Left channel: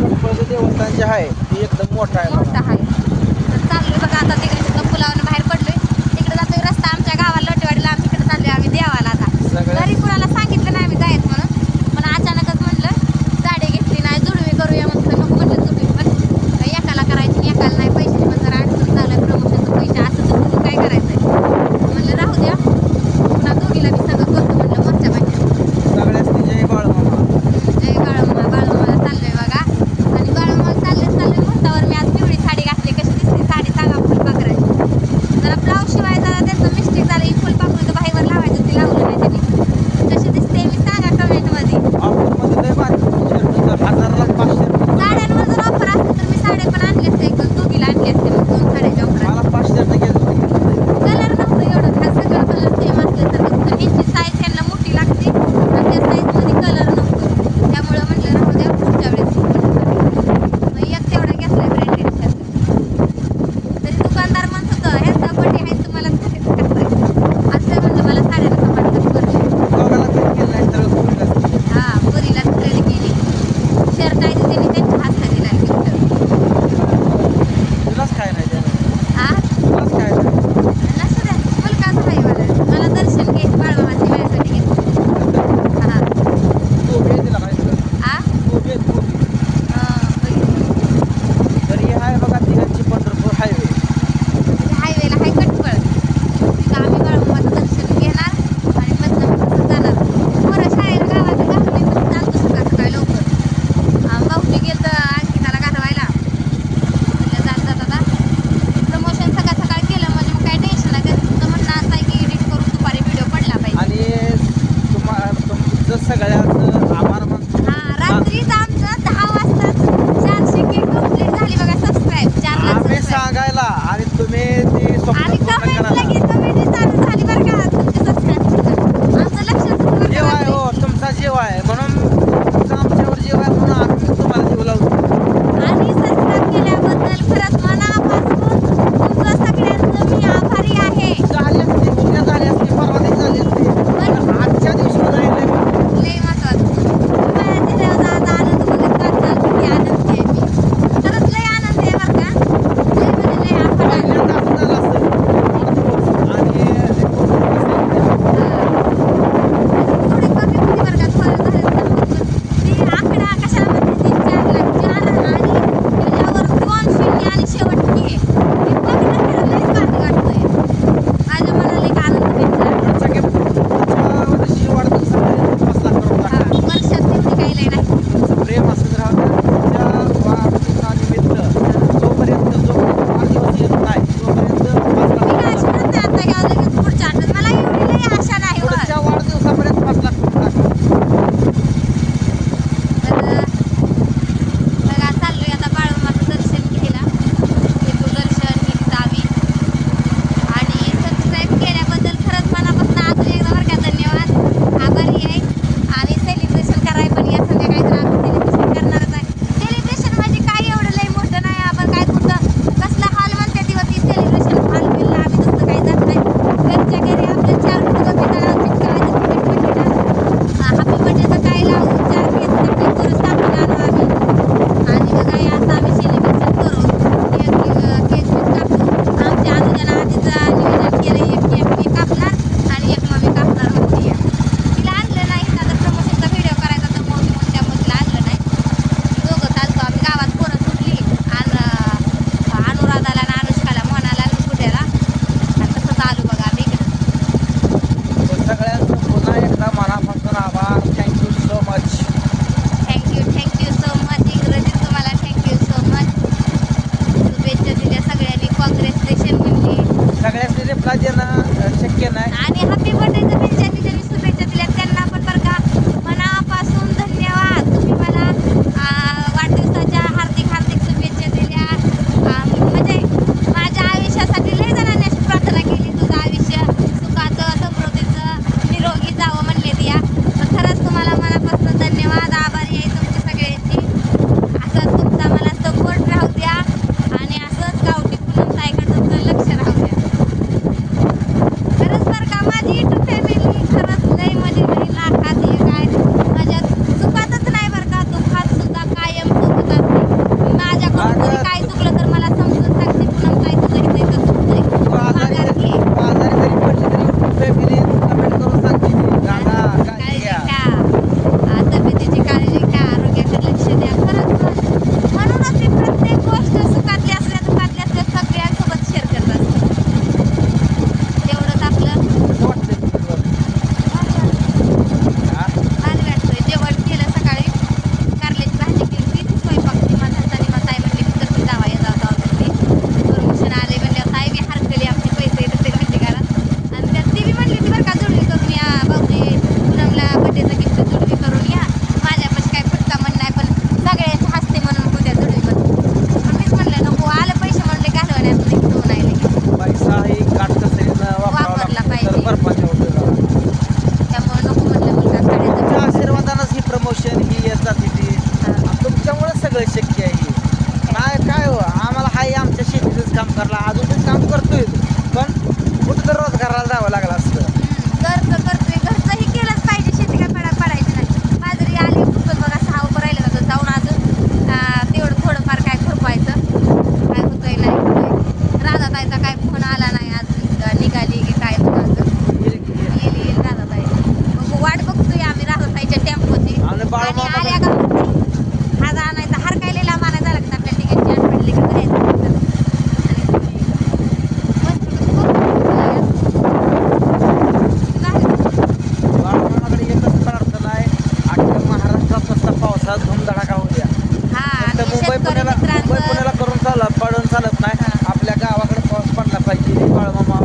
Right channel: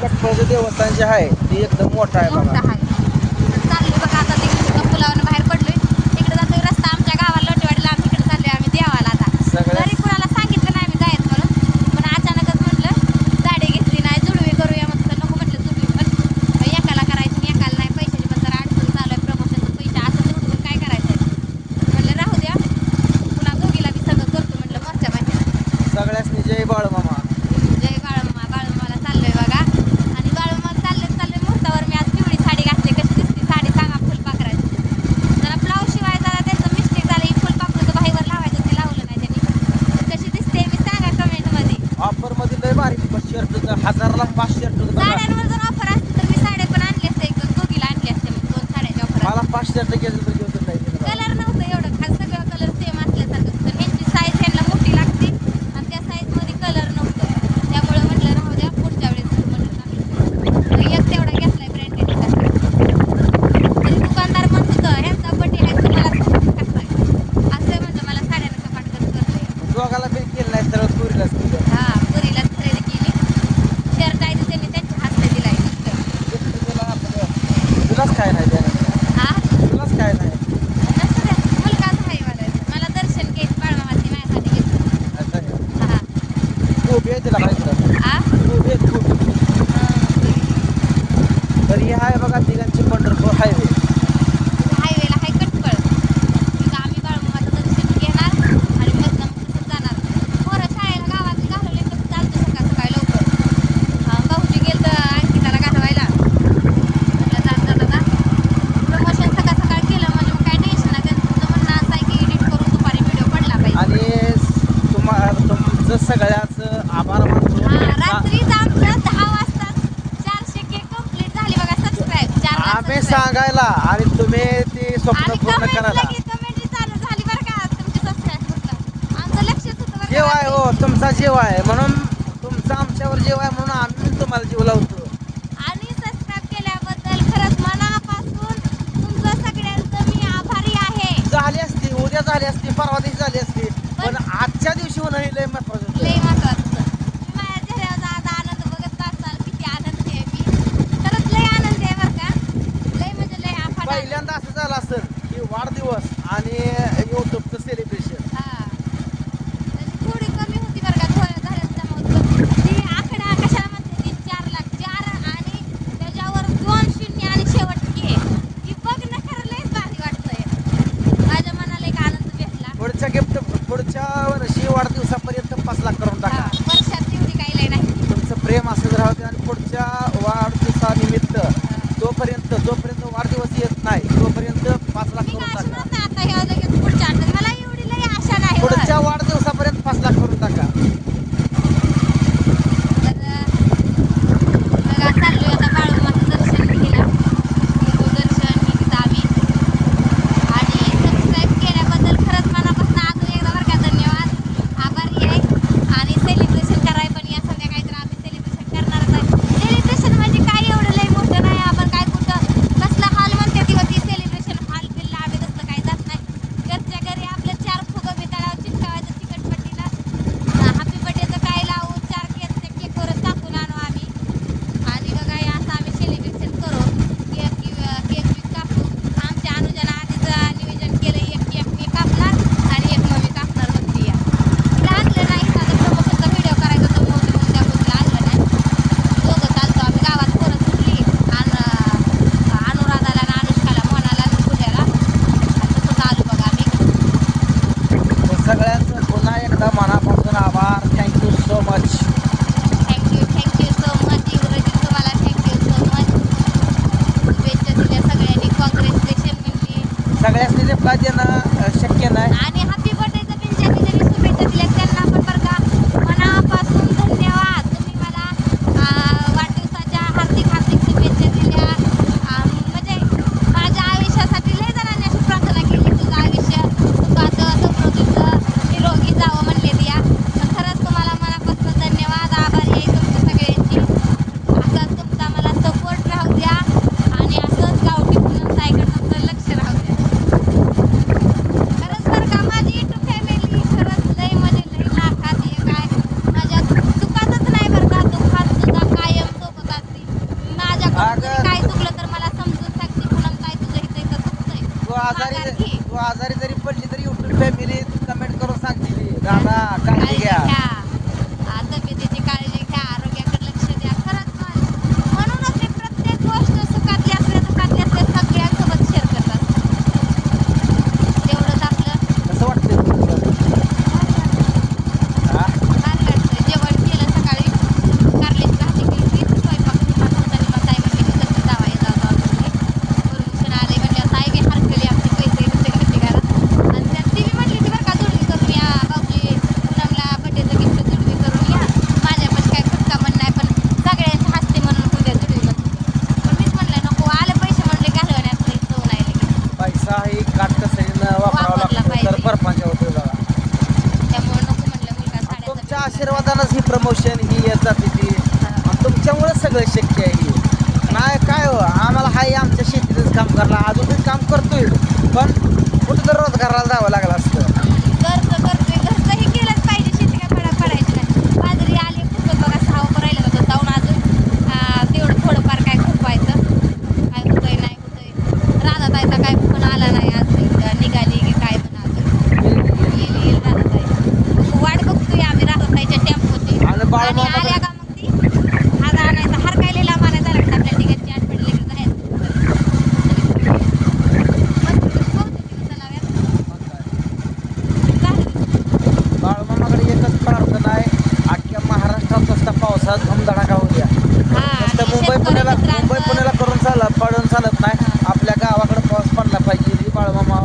पिंपळचं देवस्थान जे आहे ते एकदम मोठं आहे मोठं बघा. आहे. तर चाललोय बघा आता तिकडे पुलावरून बाहेर पडलोय. तिकडे जातोय रस्ता आमच्या गावाला लोटेवाडीला. आम्ही इकडे चाललोय आम्ही देवाला आता. सगळ्या घरी कुणाला सांगितलं नाही आम्ही जायचं म्हणून, पण अचानकच म्हणलं गाडी घेतली नाही जुडवी करूया म्हणलं. नको म्हणलं जुडवी पण एकाला करायची एकाला नाही. पैशाची पण जरा अडचण चालू आहे. प्रमोशनचं पैसे असं तसं काय करायचं म्हणलं राहू द्या. पुन्हा दोघीला मी सगळं करतो म्हणलं मोठ्या महिन्यात. सगळ्याच जय बाळमामा. जय बाळूमामा. बाळूमामाला चाललोय बघा. आणि बाळूमामाला चाललोय मुहूर्तावर मी आज पिवळी साडी घातली. कशी दिसते साडी सांगा फुलपाखराची. जरा ब्लाऊज शिवाय जरा त्यांचं मिस्टेक झालं. ही फुलपाखरूचं बाहीवर लावायचं ते लावलं नाही त्यांनी. कशी दिसते मी सांगा कमेंटमध्ये. ऑफरमध्ये लय भारी शर्ट तर 1000ला 5 शर्ट. साड्यांवर जर ऑफर असते तर मी साड्या पण आणली असते. एक दोघीला आणली असते. मग 2 साड्याची ऑफर. मला 5 शर्ट घ्यायचं कलर नव्हतं एवढं खास. सगळं कलर सेम असल्यासारखं होतं. ह्यांची साईज त्यांना मोठी लागते आणि त्या साईजमध्ये कलर नव्हतं. त्यामुळं म्हटलं राहू द्या पुढच्या वेळेस एक तेवढा घेतलाय ब्रँडेड शर्ट. तरी दुकानदार म्हणत होतं ह्यांचा बड्डे आहे तुम्हाला असं म्हणलं मला साड्या नका पाठवत करू. दोघाला बिल केलं नाही तर पुरीला हां पुरीला तरी दिली. शर्ट आहे त्यांनी त्यांच्या हातात दिलाय गिफ्ट. तुलाच काय नाही त्याने. हां तुलाच काय नाही. नसू द्या मुलगाच आहे मला दर्शन घ्यायचं बाळमामाची माझ्यासाठी घेतलं. हां तू बी दिला पाहिजे. आ तू बी तर हे आहे बघा तिघांची पंढरपूर हायवे. हायवेला हाय कटकळ. तिथं आम्ही बाळूमामाचं दर्शन घेणार आणि मधनं जाणार. पोरं शाळेला गावात घालवली तर चालतो सकाळ सकाळी लवकर. भाऊजी गेलं तर अंकिताला घालवायला. म्हटलं जात आता प्रमोशन सकाळ सकाळ केलं म्हणजे मग काय टेन्शन नाही. तुमचं म्हणणं असं आहे की एडिट करून दुपारी व्हिडिओ पडला पाहिजे. आणि तुमचं सगळ्याचं आभार मानतो. हां रात्रीच आमचं 10 वाजता 400K कंप्लीट झाली बघा सबस्क्राईब. 4 लाख आम्ही सबस्क्राईब. सांगायला आणि तुम्ही ती स्वप्न आणि पूर्ण करायला. कमेंट चालू झाली बरं का तुमचे सबस्क्राईब. आमचं लक्षात जीव आहे हो तुमचा जीव आहे म्हणून तुमचा आमच्यावर जीव आहे म्हणून आम्ही तुम्हाला जीव लावतो. आणि सबस्क्राईब केल्याबद्दल खरंच मनापासून तुमचं सगळ्यांचं मी आभारी आहे. झाली असती उद्या झाली असती परवा दिवशी झाली असती पण आजच्या दिवशी राहिले लय महत्वाचं. माझ्या चेहऱ्यावर आज आनंद बघत वाटतं किती आनंदी आहे मी. खरंच लय आनंद आहे बरं का. लय म्हणजे लय आभारी आहे. पहिल्यांदा असं झालं असेल वाढदिवस आणि सेलिब्रेशन. थोडी कमी होती बरं का. थोडं झालं तर म्हटलं ती आकडा कशाला म्हणते ती 4 लाख 4 आणि त्याच्यावर 2 शून्य आणि शेवट के. ती बघणं खरं लयच भारी वाटतंय. माझ्या मनाला एक आनंद भेटला. पुढच्या गिफ्ट पुढच्या वर्षी वाढदिवसापर्यंत 5 लाख करून टाका. वर्षात तेवढी काही लय नाही. तुमचं प्रेम असंच राहू द्या. पुढच्या वाढदिवसानिमित्त जोपर्यंत वाढदिवस येत नाही तोपर्यंत 5 लाख मी करून अशी टाका. म्हणते आता ह्या लगेच पुढच्या आठवड्यात. मला एवढी लय आशा नाही बरं. पुढच्या वाढदिवसापर्यंत 5 लाख करून टाका. तर बघा चाललोय आता बाळूमामाचं दर्शन घ्यायला. दर्शन निघतावी. आणि सबस्क्राईब केल्याबद्दल खरंच मनापासून अजून एकदा बरं का धन्यवाद. आभारी आहे. आणि सेलिब्रेशन करायला पण या संध्याकाळी तर आम्ही सेलिब्रेशन करणारच आहे. सेलिब्रेशन म्हणजे काय एवढं लय मोठं नाही. आपण काय कुठं कसला हॉल म्हणते तेव्हा ती सेलिब्रेशन हॉल बिलला आम्ही तसं काही जात नाही. घरच्या घरी आपल्या 4 फुलं बिटाळावं चिटकावायचं तिकीट पडलेलं. हॅपी बर्थडेचं काय लावून 4 केस ते परत टाकून आणू आम्ही. आणि बघा हे असं आम्ही सेलिब्रेशन करू. केक कापू. आमच्या अनुजानं आधीच नियोजन केलं. एक केक मी कापणार आणि एक मम्मी कापणार म्हणते या. तिला आणलं नाही आता प्रमोशनचा व्हिडिओ करायचा तर मग त्या तिला आणलं नाही. दोघं चालतो आम्ही गावात पोरं सुटली. अनुराधाला आणि अनुष्काला मोनाला आणि पूजाला. आणि तसंच आलो बघा आम्ही इकडं. तर सगळ्यांचं पुन्हा एकदा मनापासून आभार. Thank you so much. Thank you so much. इंग्रजीत तुम्हाला थँक्यू सो मच. शुभेच्छा दिल्या सगळ्यांनी. कॉंग्रॅच्युलेशन म्हणली. सगळ्यांनी रिप्लाय देणं शक्य नाही. आणि हॅपी बर्थडेचं पण ज्यांनी ज्यांनी शुभेच्छा दिल्या त्यांना पण बरं का मनापासून धन्यवाद. तुम्ही मला वाढदिवसाच्या हार्दिक हार्दिक शुभेच्छा दिल्या. म्हणजे माझ्या आयुष्यासाठी लय जणांनी अशी प्रार्थना केली तुझं आयुष्य सुखाचं समृद्धीचं निरोगी जावं म्हणले द्या. तर खरंच तुम्हाला मनापासून धन्यवाद. आभारी आहे तुमच्या सगळ्यांची. असंच तुमचा मला सपोर्ट राहू द्या. आणि असंच गावठी पुन्हा सायकडचं लक्ष राहू द्या. खरंच बरं का माझी युट्यूब फॅमिली सगळं शक्य आहे. नाही काय हो, आम्हाला हाय आमच्या शेतीतच काम करायला, अजून पण काम करतोय, पण कुठं तर रोजगाराला जावं लागलं असतं. घरचं करतोय, घरचंही केलंच पाहिजे. शेती काय पडायची नाही. बाजरी आली खुरपत बघा, 6 उभं राहिलं जातं जाऊन अजून तेवढं थोडंफार काय खुरपायचं. काय होतंय नाही होतंय. राधाताईचा काय फोन आला नाही अजून, निघाली की काय पण अजून. येईल राधाताई. मग वाट बघतोय आम्ही राधाताईच्या टेम्पोची. आणि बाळूमामा आल्या का म्हणते हार आणायचा. हार काय लिहिला मानायचा झाला का आपल्या ठिकाणची आठवण लिहिली का जायचं तिथं. बाळूमामाकडे एकच प्रार्थना आहे, अख्ख्या महाराष्ट्रात नुसता पावसाळ्यात धुमधडाका होऊ द्या. नुसतं मुंबई पुण्याला पडून चालत नाही. आपल्या गावाकडे पाऊस पडला पाहिजे. बाळूमामा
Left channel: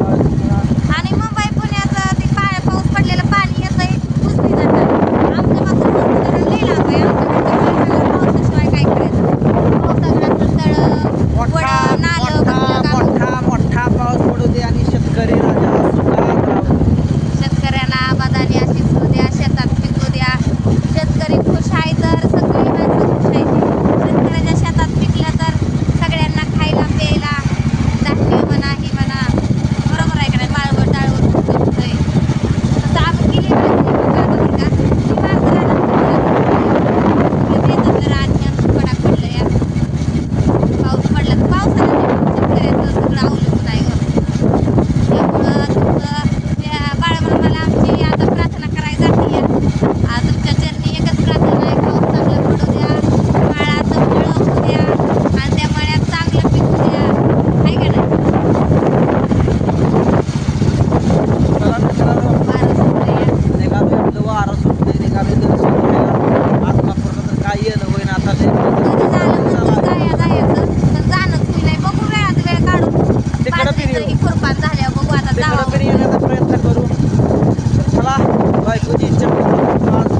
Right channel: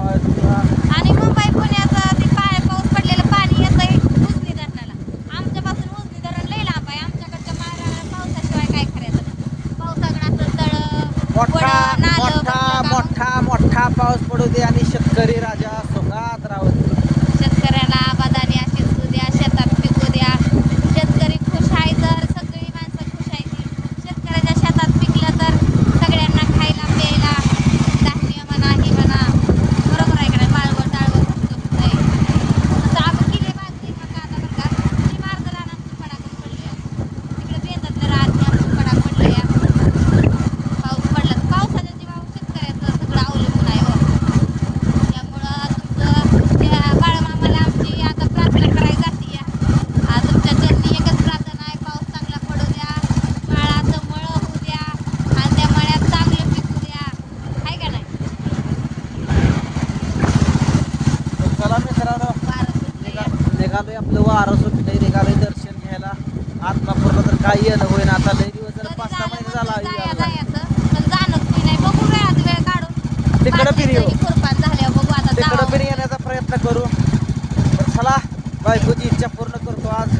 आणि मुंबई पुण्याचं ते पाऊस पडलेलं पाणी येतंय कुजली धरणाला. आमच्या मात्र कुजली धरण लई लांब आहे. आमच्याकडचं पावसाशिवाय काय करायचं. पावसाळ्याचं तळं मोठा वडं, नालं, मोठा बंदरं गावं. मोठा मोठा पाऊस पडू दे आणि शेतकरी राजा सुखात राहू दे. शेतकऱ्याला आबादानी अशीच होऊ द्या, शेतात पिकू द्या. शेतकरी खुश आहे तर सगळी माणसं खुश आहे. शेतकऱ्याच्या शेतात पिकलं तर सगळ्यांना खायला प्यायला धान्य म्हणा ही म्हणा. बरोबर आहे का नाही. माळवं टाळवं तुमचं होतंय. तसं आपण केली पाहिजे. पाऊस पडला तर पावसाला शेतकऱ्याचं सगळं अवलंबून आहे हो. त्यामुळं तुमचं त्या बाळूमामाला आमची आता प्रार्थना करायला जाते. तुमच्या चरणी एकच प्रार्थना आहे. पाऊस चांगला पडू द्या, काळाचं फळं होऊ द्या आणि त्या मळ्यात चांगलं पिकू द्या. आहे का नाही. चला मित्रांनो, वारं सुटलंय. निघालोय आपलं वारं सुटलंय, निघालोय दर्शन घ्यायला. आत्मापूरला तर काय येणं होईना आता लय झाला. जायचं पण जाणं कुणी नाही. बघू वेळात वेळ काढू. तिकडं पण येऊ. खुरपान झाल्यावर बघू आता तिकडं जावं. पण येण्याचा प्रयत्न करू. तर चला, बायकोची इच्छा पूर्ण करतो आज.